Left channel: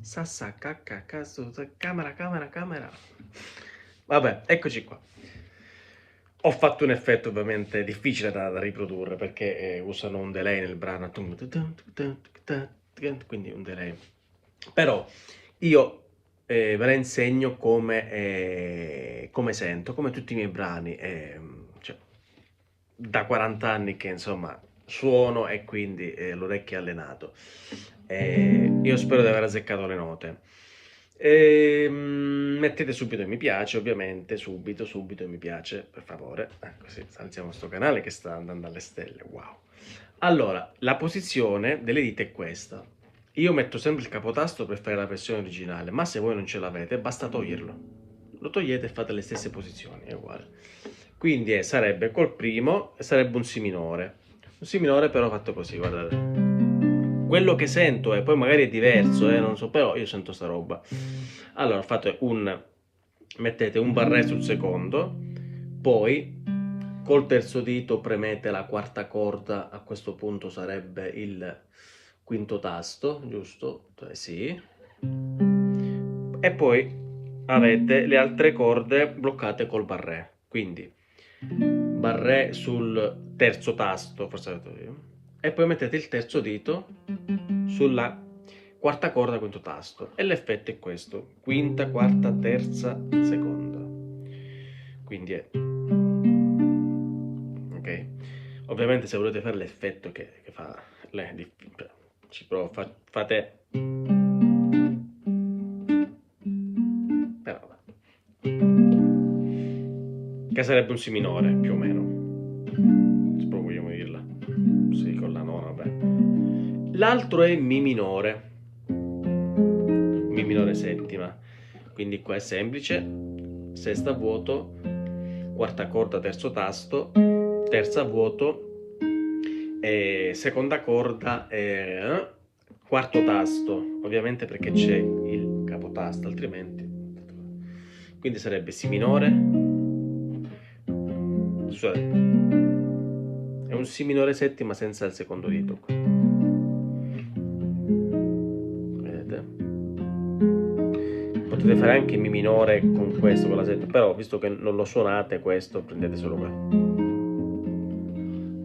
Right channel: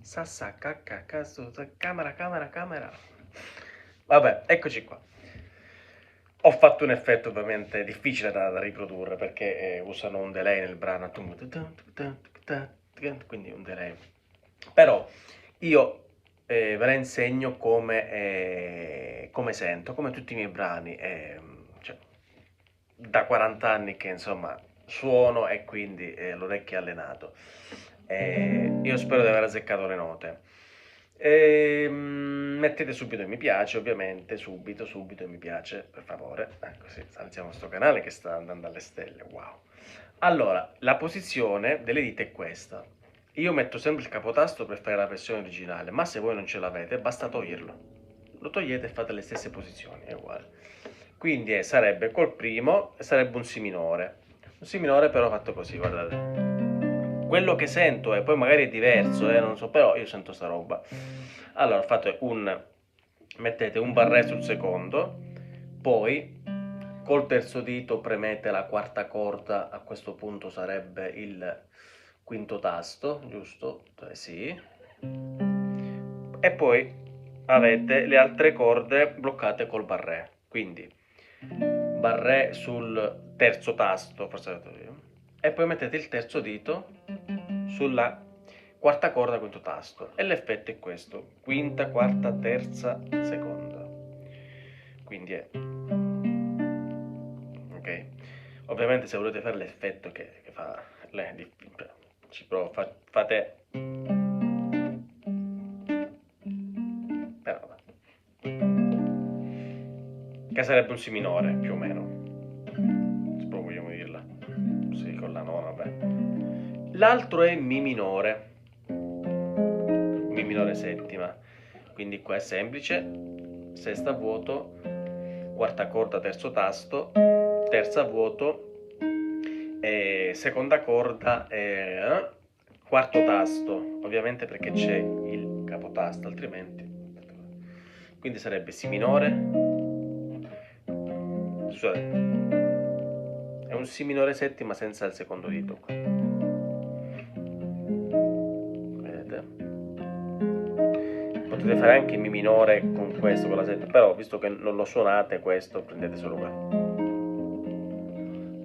Sassa, cacca, cazzo, camera, camera, camera. Vabbè, eccoci qua. Ho fatto un effetto ovviamente difficile da riprodurre perché usano un delay nel brano, quindi un delay. Però io ve la insegno come sento, come tutti i miei brani. Cioè, da 40 anni che insomma suono e quindi l'orecchio è allenato. Io spero di aver azzeccato le note. Mettete subito mi piace, ovviamente, subito mi piace, per favore. Così alziamo sto canale che sta andando alle stelle, wow. Allora, la posizione delle dita è questa. Io metto sempre il capotasto per fare la pressione originale, ma se voi non ce l'avete, basta toglierlo. Lo togliete e fate le stesse posizioni, è uguale. Quindi sarebbe col primo, sarebbe un Si minore. Un Si minore però fatto così, guardate. Quello che sento, e poi magari è diverso, non so, però io sento sta roba. Allora mettete un barré sul secondo, poi col terzo dito premete la quarta corda, a questo punto sarebbe il quinto tasto, giusto? Sì. E poi avete le altre corde bloccate col barré, quindi barré sul terzo tasto, forse l'ho detto io, e poi mettete il terzo dito sulla quarta corda, quinto tasto, e l'effetto è questo: quinta, quarta, terza, seconda. Quindi è ok. Ovviamente se volete fare l'effetto che fa ci provo, fate, però che sarebbe un Si minore più o meno, se proprio vogliamo dirla, sì, con la nona, vabbè. L'altro è Mi minore settima, quindi qua è semplice: sesta a vuoto, quarta corda, terzo tasto, terza a vuoto, seconda corda, quarto tasto, ovviamente perché c'è il capotasto, altrimenti. Quindi sarebbe Si minore, scusate, è un Si minore settima senza il secondo dito. Vedete? Potete fare anche Mi minore con questo, con la settima, però visto che non lo suonate questo, prendete solo quello.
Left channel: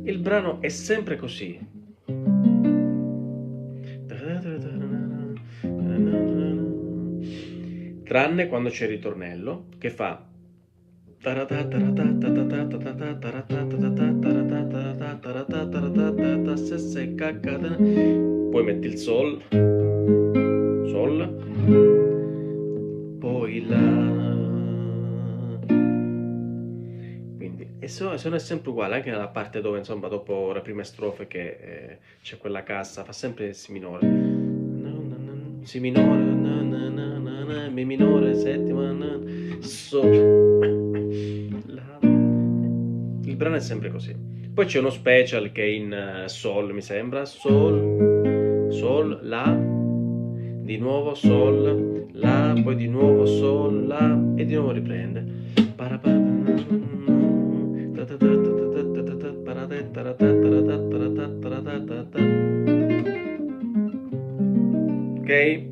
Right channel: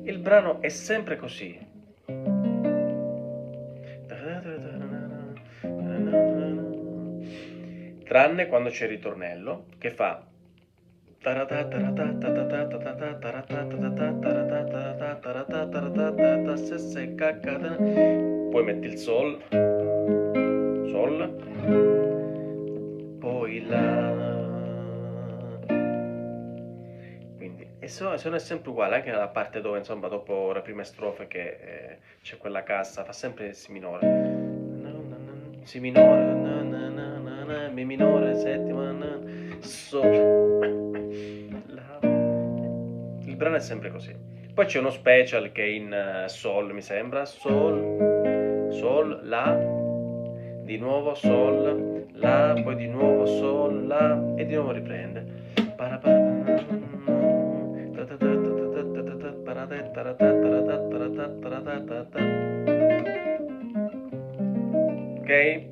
Il brano è sempre così. Tranne quando c'è il ritornello che fa. Poi metti il Sol, poi La. Quindi, e sono sempre uguali, anche nella parte dove, insomma, dopo le prime strofe che c'è quella cassa, fa sempre Si minore. Si minore, Mi minore, settima, Sol. La. Il brano è sempre così. Poi c'è uno special che è in Sol, mi sembra. Sol, Sol, La, di nuovo Sol, La, poi di nuovo Sol, La, e di nuovo riprende. Ok?